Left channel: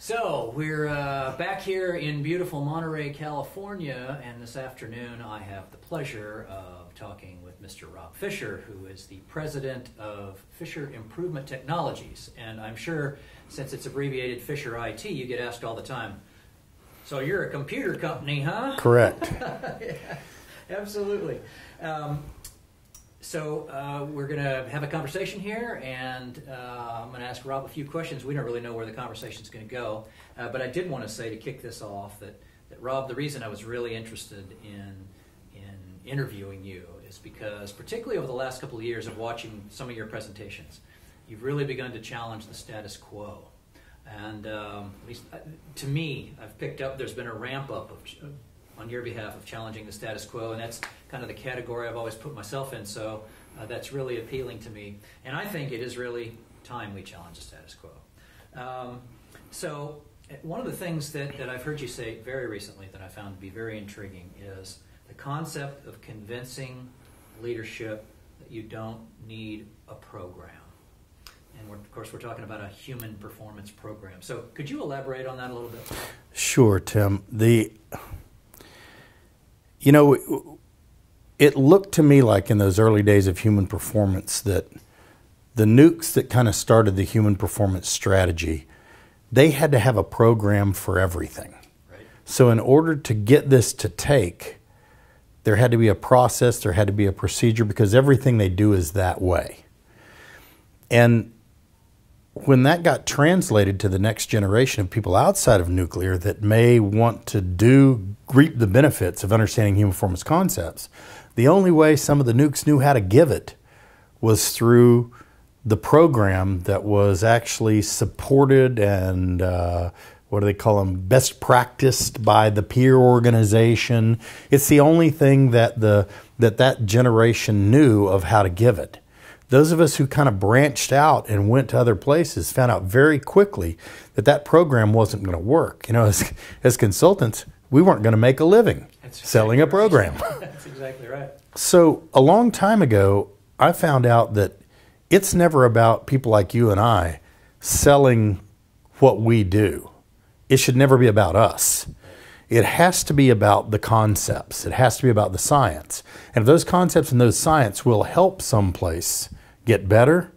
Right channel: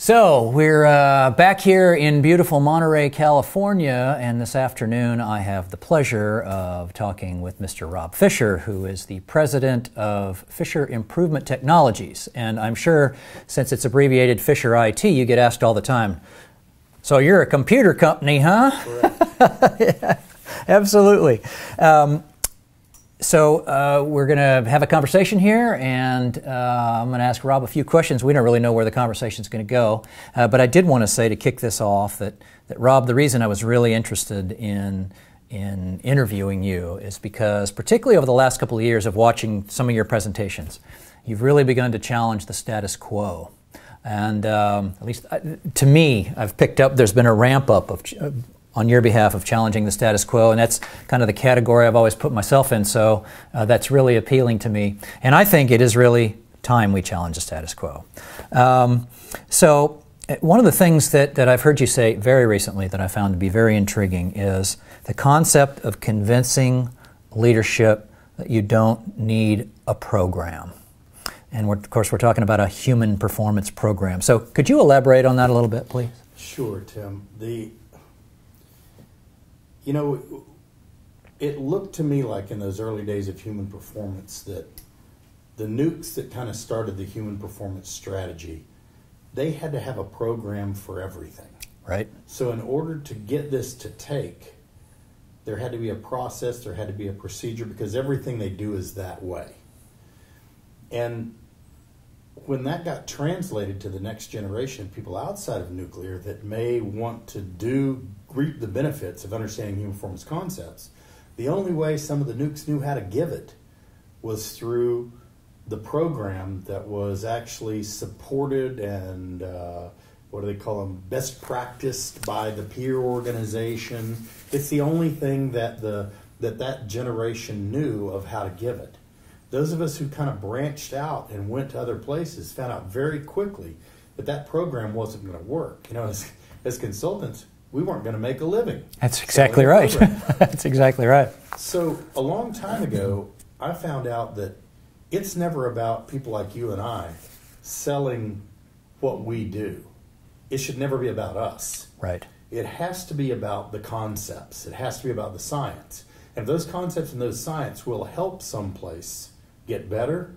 So we're back here in beautiful Monterey, California, and this afternoon I have the pleasure of talking with Mr. Rob Fisher, who is the president of Fisher Improvement Technologies. And I'm sure, since it's abbreviated Fisher IT, you get asked all the time, so you're a computer company, huh? Correct. Yeah, absolutely. So we're going to have a conversation here, and I'm going to ask Rob a few questions. We don't really know where the conversation is going to go, but I did want to say to kick this off that Rob, the reason I was really interested in interviewing you is because, particularly over the last couple of years of watching some of your presentations, you've really begun to challenge the status quo. And at least to me, I've picked up there's been a ramp up of on your behalf of challenging the status quo, and that's kind of the category I've always put myself in, so that's really appealing to me. And I think it is really time we challenge the status quo. So one of the things that I've heard you say very recently that I found to be very intriguing is the concept of convincing leadership that you don't need a program. And of course we're talking about a human performance program. So could you elaborate on that a little bit, please? Sure, Tim. You know, it looked to me like in those early days of human performance that the nukes that kind of started the human performance strategy, they had to have a program for everything. Right. So in order to get this to take, there had to be a process, there had to be a procedure, because everything they do is that way. And when that got translated to the next generation of people outside of nuclear that may want to reap the benefits of understanding human performance concepts, the only way some of the nukes knew how to give it was through the program that was actually supported and what do they call them, best practiced by the peer organization. It's the only thing that that generation knew of how to give it. Those of us who kind of branched out and went to other places found out very quickly that that program wasn't going to work. You know, as consultants, we weren't going to make a living selling a program. That's exactly right. So a long time ago, I found out that it's never about people like you and I selling what we do. It should never be about us. Right. It has to be about the concepts. It has to be about the science. And if those concepts and those science will help someplace get better,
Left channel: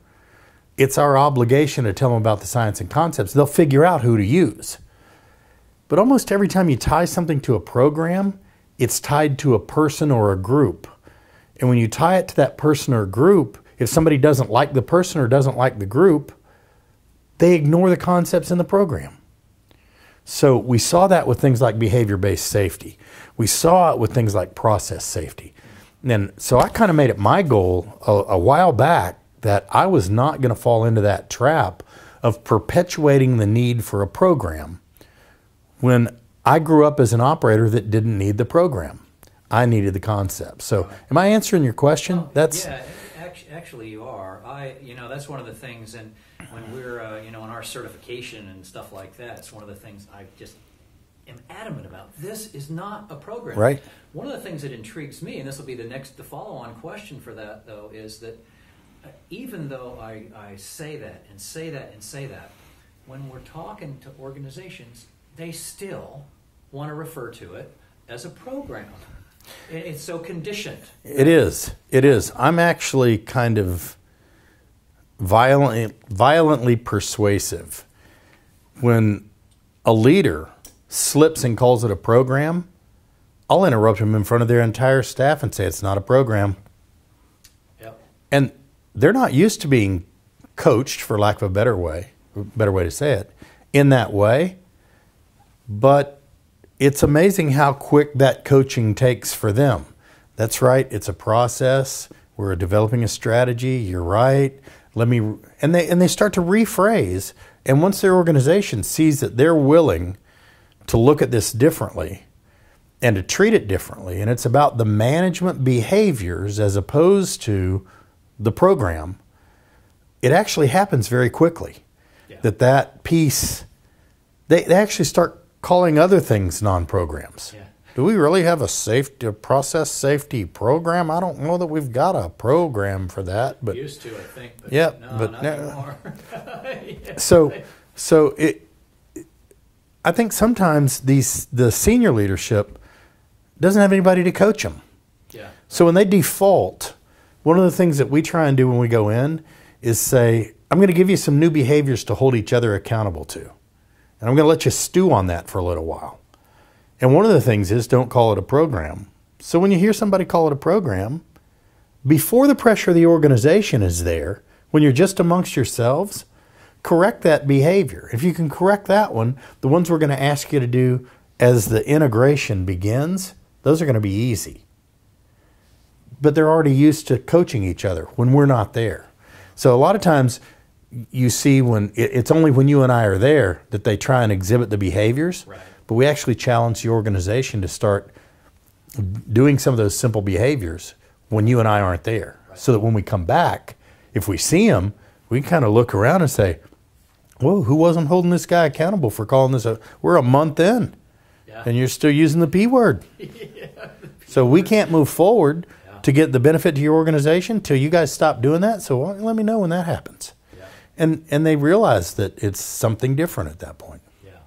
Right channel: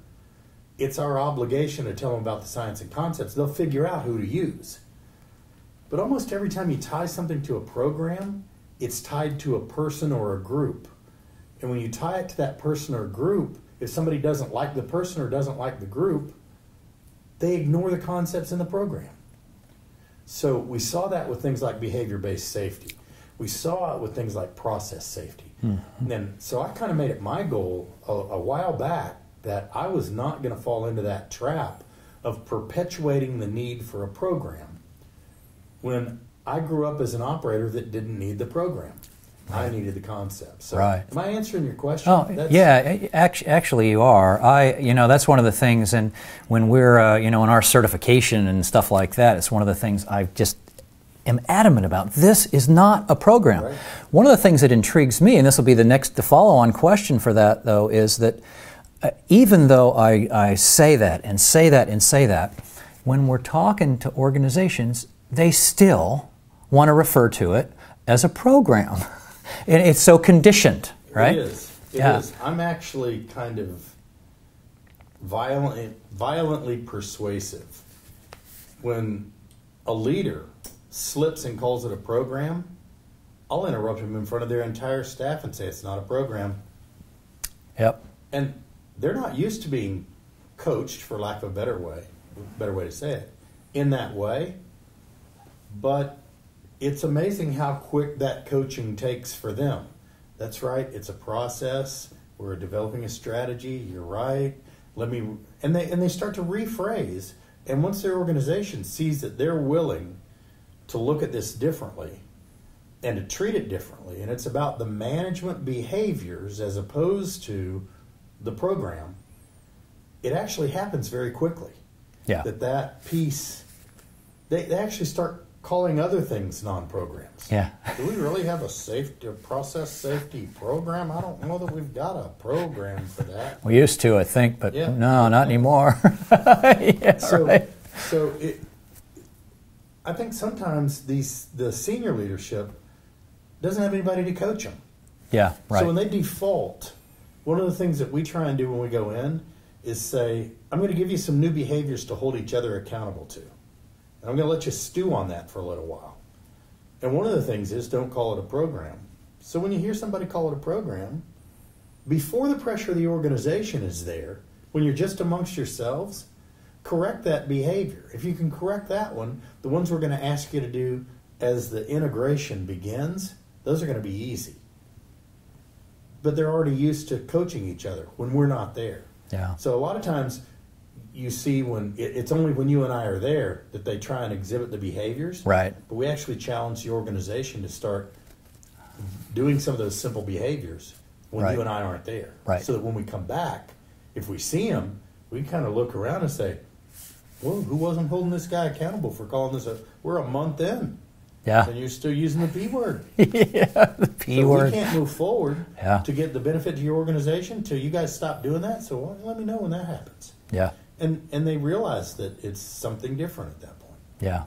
it's our obligation to tell them about the science and concepts. They'll figure out who to use. But almost every time you tie something to a program, it's tied to a person or a group. And when you tie it to that person or group, if somebody doesn't like the person or doesn't like the group, they ignore the concepts in the program. So we saw that with things like behavior-based safety. We saw it with things like process safety. Mm-hmm. And so I kind of made it my goal a while back that I was not going to fall into that trap of perpetuating the need for a program when I grew up as an operator that didn't need the program. I needed the concept. So am I answering your question? Oh, yeah, actually you are. That's one of the things, and when we're, in our certification and stuff like that, it's one of the things I just am adamant about. This is not a program. Right. One of the things that intrigues me, and this will be the follow-on question for that, though, is that even though I say that and say that and say that, when we're talking to organizations, they still want to refer to it as a program. And it's so conditioned. Right? It is. It is. I'm actually kind of violently persuasive. When a leader slips and calls it a program, I'll interrupt him in front of their entire staff and say it's not a program. Yep. And they're not used to being coached, for lack of a better way to say it, in that way. But it's amazing how quick that coaching takes for them. That's right, it's a process. We're developing a strategy. You're right. And they start to rephrase. And once their organization sees that they're willing to look at this differently and to treat it differently, and it's about the management behaviors as opposed to the program, it actually happens very quickly. Yeah. That piece, they actually start calling other things non-programs. Yeah. Do we really have a process safety program? I don't know that we've got a program for that. We used to, I think, but yeah, not anymore. Yeah, so I think sometimes the senior leadership doesn't have anybody to coach them. Yeah. Right. So when they default, one of the things that we try and do when we go in is say, I'm going to give you some new behaviors to hold each other accountable to. And I'm going to let you stew on that for a little while. And one of the things is don't call it a program. So when you hear somebody call it a program, before the pressure of the organization is there, when you're just amongst yourselves, correct that behavior. If you can correct that one, the ones we're going to ask you to do as the integration begins, those are going to be easy. But they're already used to coaching each other when we're not there. Yeah. So a lot of times you see when it's only when you and I are there that they try and exhibit the behaviors. Right. But we actually challenge the organization to start doing some of those simple behaviors when you and I aren't there. Right. So that when we come back, if we see them, we can kind of look around and say, whoa, who wasn't holding this guy accountable for calling this a, we're a month in. Yeah. And you're still using the P word. Yeah, the P So word. we can't move forward Yeah. to get the benefit to your organization till you guys stop doing that. So let me know when that happens. Yeah. And they realize that it's something different at that point. Yeah.